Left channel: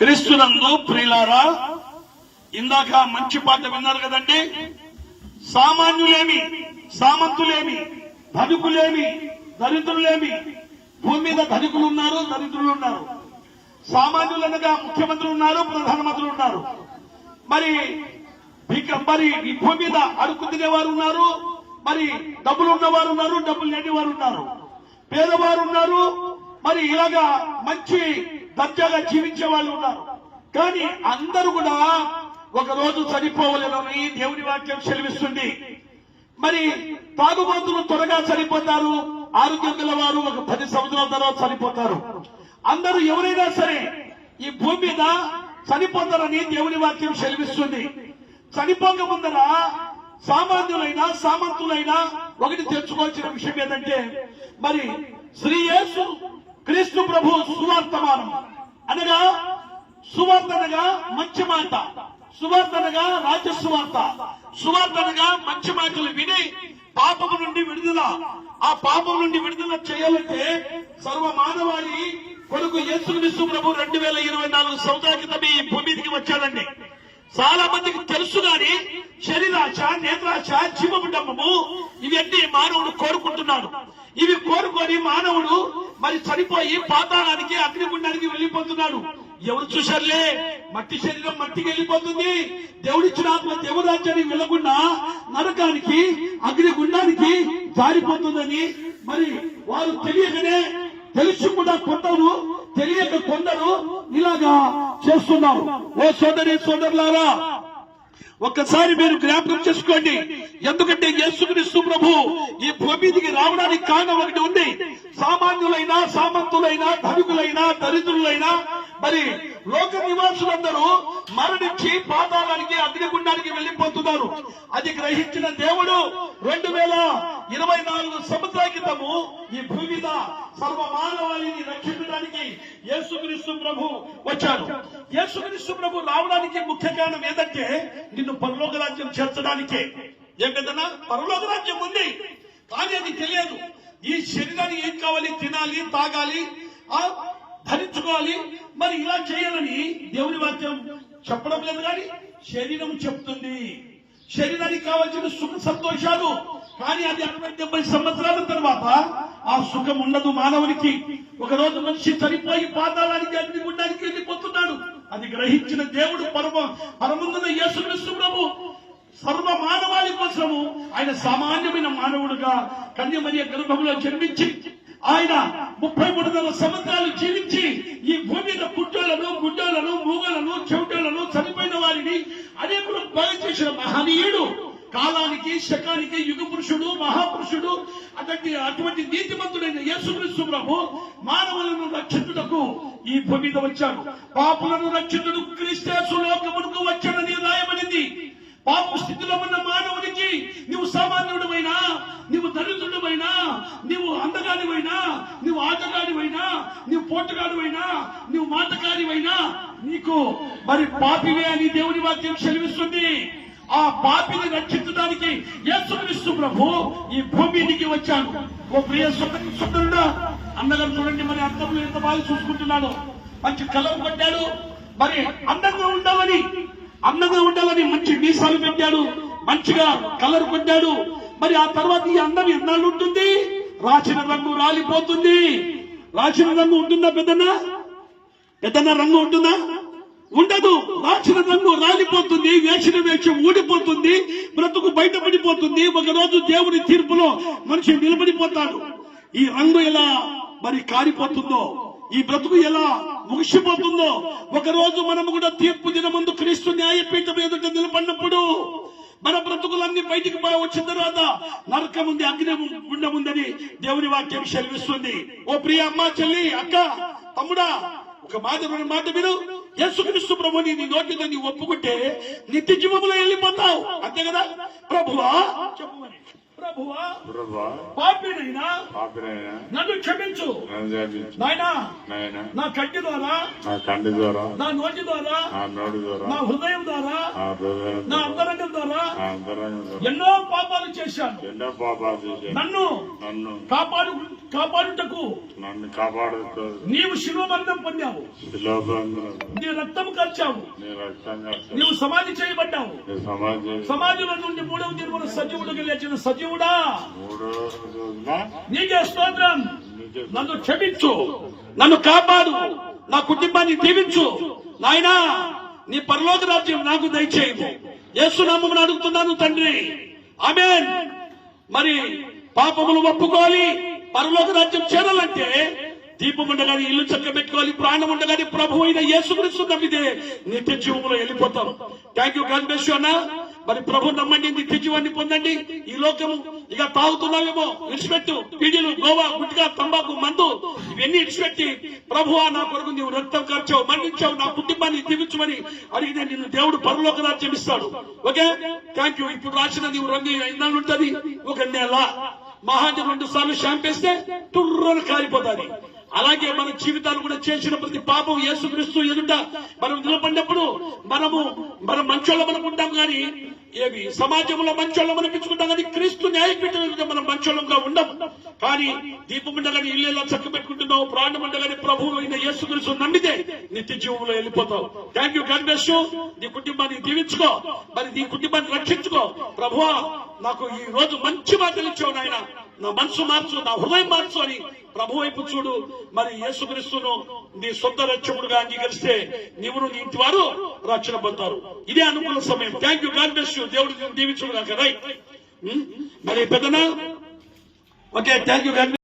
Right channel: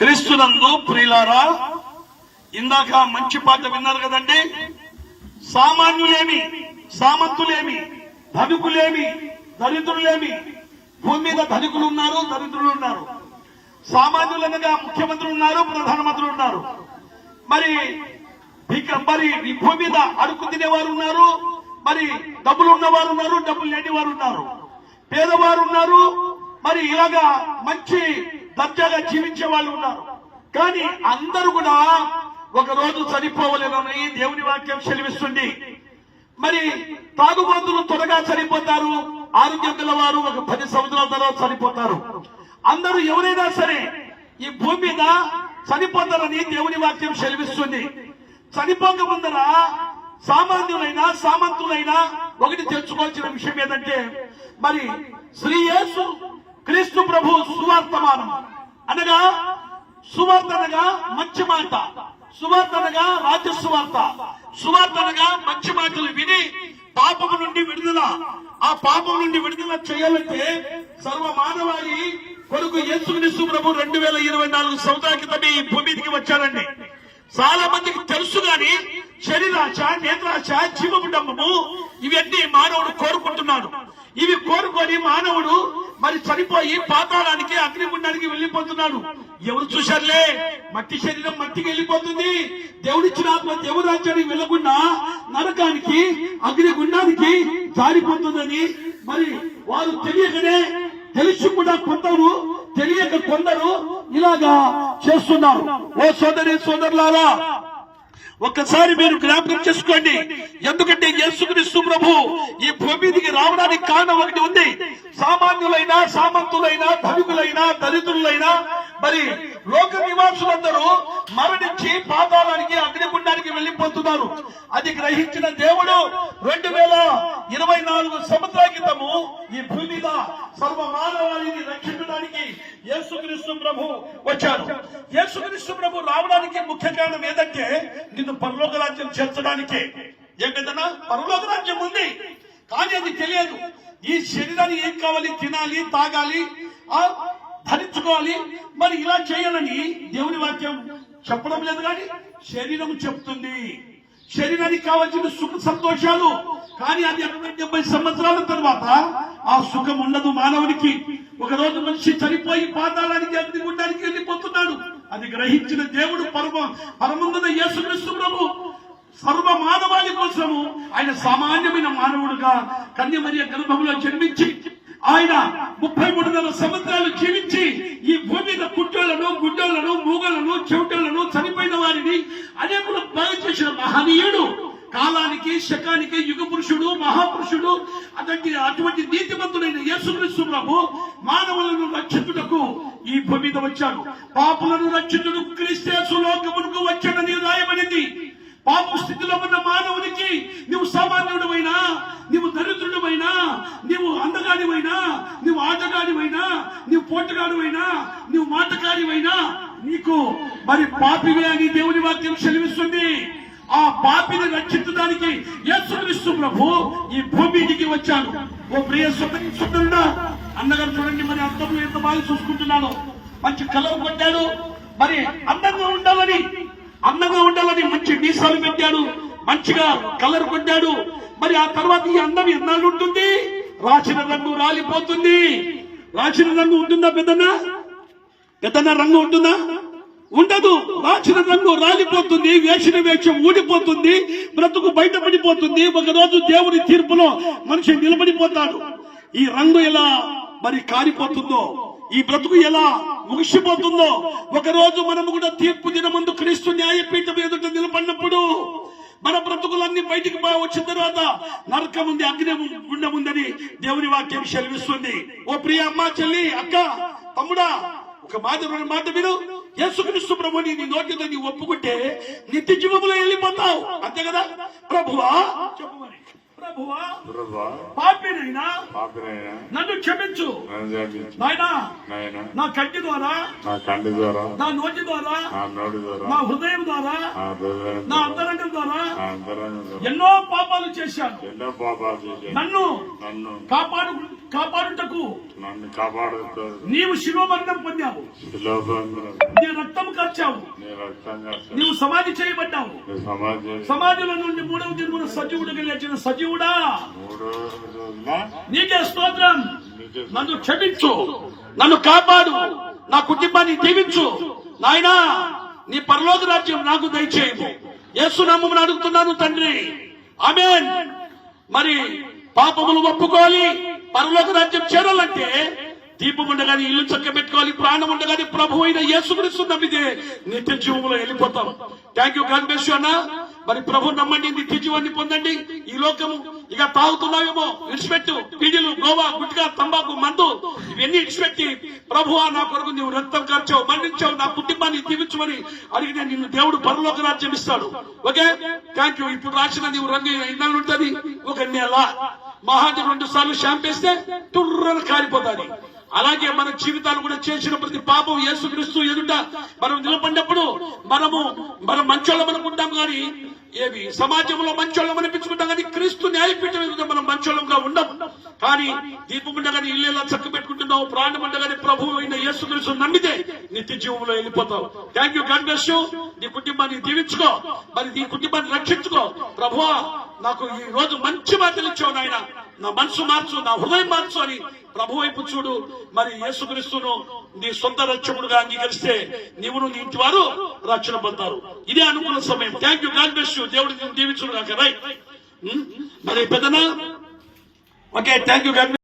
క్రీస్తునందు ప్రియులారా ఇందాక మంచి పాట విన్నారు కదండి? సామాన్యులేమి సామంతులేమి ధనికులేమి దరిద్రులేమి భూమి మీద ధనికులు ఉన్నారు దరిద్రులు ఉన్నారు సామాన్యులు అనగా ముఖ్యమంత్రులు ఉన్నారు ప్రధానమంత్రులు ఉన్నారు మరి మరి ఈ భూమి మీద అడుగు తినేవారు ఉన్నారు మరి డబ్బులు ఉన్నవారు ఉన్నారు డబ్బులు లేని వారు ఉన్నారు పేదవారు ఉన్నారు మరి ఇలాగా మంచి దర్జాగా జీవించే వాళ్ళు ఉన్నారు. కానీ అందరూ కూడా ఒక రోజు చనిపోవలేనని దేవుని వాక్యం సెలవిస్తుంది. మరి తాగుబోతులు త్వరగా చనిపోతారు. ఆరోగ్యం గల వారు ఒక పది సంవత్సరాల తర్వాత చనిపోతారు. అందరూ ఎవరైనా సరే ఈ భూమి మీద చనిపోతారని దేవుని వాక్యం సెలవిస్తుంది. చనిపోక ముందర సామాన్యులైనా సామంతులైనా ఒకటి తెలుసుకోవాల్సిన విషయం ఏంటంటే మరి శ్రీ యేసు క్రీస్తు ప్రభు సువార్తమానం అనగా సువార్త అనగా మంచి మాట. సువార్త అనగా రాజ్య సువార్త. సువార్త అనగా మంచి మాటలు విని పాపము నుండి విడుదల. ఆ పాపం నుండి విడుదల చేయాలంటే సర్వ మానవాళి కొడుకు యేసుక్రీస్తు ప్రభు రెండు వేల ఇరవై నాలుగు సంవత్సరాల క్రితం ఈ భూమికి వచ్చాడండి. చాలా మందికి తెలుసు గాని శరీరాశ నేత్రాశ జీవముడమ్మము ఇవన్నీ మానవుడు కోరుకుంటున్నాడు. ఇవి కోరుకొని మానవుడు మరి చనిపోయి పాతాళానికి అగ్నిగుండానికి వెళ్ళిపోతున్నాడు. ఎవరు చూశారులే? మట్టి శరీరం మట్టికి వెళ్ళిపోతుంది. దేవుడిచ్చిన ఆత్మ దేవరాజ్యానికి వెళ్ళకుండా నరకానికి అగ్నిగుండానికి జారిపోతుందని మరి వారు తెలియకనే తెలిసి కూడా కొందరు తెలియక కొందరు ఇలాగా చేస్తున్నారు. ఓ సోదరి సోదరులారా ఒక్కసారి మీరు జ్ఞాపకం చేసుకోండి. ఎందుకంటే యేసుక్రీస్తు ప్రభు ఈ భూమి మీదికి రావడానికి కారణం ఒకటి ఉంది. సామాన్యులైన సామంతులైన ధనికులైన దరిద్రులైనా మరి లోక నివాసులందరూ మరణించి పాతాళానికి అగ్నిగుండానికి వెళ్ళిపోతున్నారు. అది గ్రహించిన దేవుడు రెండు వేల ఇరవై నాలుగు సంవత్సరాల క్రితము ఈ భూమి మీద సర్వ మానవాళిని రక్షించడానికి యేసుక్రీస్తు ప్రభు వచ్చారు యేసుక్రీస్తు ప్రభు రావడానికి ముఖ్య కారణం ఏదంటే నిన్ను పరలోక రాజ్యం చేర్చడానికే. ఏంటంటే పరలోక రాజ్యం ఉంది. కానీ అది తెలియదు. ఈ శరీరానికి ఏం కావాలి? తినాలి తాగాలి ధరించుకోవాలి. మరి ఇలా చేయాలని దేవుని వాక్యం చెప్పడం లేదు కానీ శరీరం చెప్తుంది. శరీరానికి కావాల్సిన సుఖ సంతోషాలు కానీ అది అరవై డెబ్బై సంవత్సరాల తర్వాత ఆ సుఖం ఉండదు మానవునికి. ఒక రోజు మనిషి చనిపోయి పాతాళానికి అగ్నిగుండానికి వెళ్ళిపోతున్నాడు. అది గ్రహించిన దేవుడు పరమ పరమున్న యేసుక్రీస్తు ప్రభు. సర్వ మానవాళి కోసము ఆయన సామాన్యమైన మానవుడుగా కన్యమర్య గర్భంలో జన్మించి ఆయన ముప్పై మూడున్నర సంవత్సరాలు జీవించి ఈ భూమి మీద కుట్టోళ్ళను గుడ్డోళ్ళను మూగలను చెవుటలను చనిపోయిన వారిని అనేకులు బాగా చేసిన మహనీయుడు. కాలానికి శకానికి యుగ పురుషుడు మహాపురుషుడు అటువంటి అటువంటి నీతిమంతుడైన యేసుక్రీస్తు ప్రభు మానవులను రక్షించుటకు ఈ భూమి మీద వచ్చాడు. పాపులను రక్షితుడు క్రీస్తేసు లోకమునకు వచ్చాడని రాయబడింది. పాప స్థితిలో ఉన్న మానవునికి నువ్వు సామాన్యుడివైనా నువ్వు దరిద్రుడివైనా నువ్వు అందగాడివైనా నువ్వు ఆటగాడివైనా నువ్వు పోటగాడివైనా నువ్వు మాటకారివైనా నీకు మరి పాపివే అని దేవుని వాక్యం సెలవిస్తుంది. ఆ పాపిని రక్షించడానికి యేసుక్రీస్తు ప్రభు ఈ భూమికి వచ్చాను ఓ ప్రియ సుందరుడా అన్నగారు చూడండి మరి అర్థం ఎంత బాగా చూసుకుంటున్నాడు. మంచి కలవ కొట్టాడు. మరి అందంగా ఉండాలని అందంగా ఉండాలని మంచి మీసాలు పెట్టాడు మంచిగా కలర్ కొట్టాడు. మరి ఆ తర్వాత ఈ అందం ఎన్నాళ్ళు ఉంటుంది? రాసిన రంగు రాలిపోతుంది. రాసిన రంగు ఉంటుందా పెద్దనా పెద్దన్న రంగు ఉంటుందా? ఉండదు. రాసిన రంగు రాలిపోతుంది వేసిన వేషం ఊడిపోతుంది బ్రతుకు బయటపడిపోతుంది. ఒక రోజు దేవుని తీర్పులో మనిషి నిలబడిపోతాడు. ఈ రంగు ఎలా మరి కారిపోతుందో ఈ బ్రతుకు ఎలా ముగిసిపోతుందో? ఒక రోజు మనము కూడా తీర్పు దినమందు క్రీస్తు న్యాయపీఠం ఎదుట నిలబడినప్పుడు మన బ్రతుకులన్నీ బయటికి వచ్చిన తర్వాత నరకం ఉంది అగ్ని ఉండముందని ఉందని దేవుని వాక్యం సెలవిస్తుంది. ఓ ప్రియ అమ్మ చెల్లి అక్క తమ్ముడా ఒక మాట రెండు మాట మీరు యేసుక్రీస్తు ప్రభుని నీ నోటితో నీ ఒప్పుకుంటే నిత్య జీవంలో వెళ్ళిపోతావు. అంతే కదా? ప్రభువా చెప్పు ప్రభువా ప్రభా పాపినైనా పాపినైనా నన్ను క్షమించు. నన్ను జరిపించు నాయనా నాయన నా కంటి ద్వారా నా కంటి ద్వారా నా నోటి ద్వారా నా నోటి ద్వారా నా హృదయం ద్వారా నా అంతరంగం ద్వారా ఎన్నో పాపాలు చేశాను. ఎన్నో పాపాలు చేశాను. నన్ను నన్ను కాపాడు కాపాడుటకు నన్ను కాపాడుతూ నీవు శిలువ మరణం పొందావు. నీ రక్తం రక్తంగా నీవు సమాధి చేయబడ్డావు. సమాధిలో నుండి మూడవ దినమున సజీవుడిగా లేచిన సజీవుడా మూడో నీకే స్తోత్రం. నన్ను క్షమించు. నన్ను కాపాడు. నా కుటుంబాన్ని దీవించు. నాయనా నీ పరలోక రాజ్యం నాకు దయచేయము. యేసునామమును అడుగుతున్నాను తండ్రి. ఆమెన్. మరి పాపములు ఒప్పుకోవాలి పరలోక రాజ్యం చేరాలంటే దీపం ఉండగానే ఇల్లు చక్క పెట్టుకోవాలి ప్రాణం ఉండగానే ప్రభు అయిన యేసుక్రీస్తు నమ్మితే నిత్య జీవంలో వెళ్ళిపోతాం. థ్యాంక్ యూ గాడ్ మరి ప్రభు నమ్మండి నిత్య జీవాన్ని పొందండి. ఈ లోకము ఇక తాగుతున్నావేమో? విడిచిపెట్టు. పిడిలు గోవా గుట్కా తంబాకు మందు ఇవన్నీ విడిచిపెట్టి ప్రభు నా కొరకు నీవు రక్తం ఖర్చావు మరణించావు నా కుటుంబాన్ని దీవించమని అడిగితే నిన్ను దేవుడు పరలోక రాజ్యం ఇస్తాడు ఓకే? థ్యాంక్ యూ ఇప్పుడు రాసిన నీవు రంగు ఇన్నాళ్ళు ఉంటుంది. ఒక నెల. మహాది రెండు సార్లు షాంపేస్తే తుర్రను కాలిపోతాది అలాగే మన జీవితాలు కూడా చేసిన ప్రతి పాపం యేసుక్రీస్తు ఎదుట మనం నిలబడినప్పుడు మనము మనం మంచోళ్ళం అనుకుంటాం కానీ ఏమి? సమాజంలో మంచోళ్ళం అనిపించుకుంటాం కానీ క్రీస్తు న్యాయపీఠం ఎదుట మనం మంచోళ్ళంగా ఉండం. కానీ దీపం ఉండగానే ఇల్లు ఎలా చక్క పెట్టుకుంటున్నావు ప్రాణం ఉండగానే ప్రభు అయిన తెలుసు నమ్మితే నిత్య జీవంలో వెళ్ళిపోతావు. థ్యాంక్ యూ గాడ్ బ్లెస్ నీ కుటుంబాన్ని దీవించుకో. మరి నీ కుటుంబాన్ని రక్షించుకో. ప్రభువా నాకు ఈ రోజు మంచి మాటలు ఇచ్చావు నాయన. నా మనసు మార్చు నా హృదయం మార్చు అని ప్రభు వైపు చూడు. మరి యేసుక్రీస్తును నీ సొంత రక్షకుడుగా అంగీకరిస్తే నీవును నీ ఇంటి వారు రక్షణ పొందుతారు. ఇదే అనుకున్న సమయం. Thank you God bless you దేవుడు దీవించుడు కాక రైట్ మరి పెద్దనా? Okay thank you God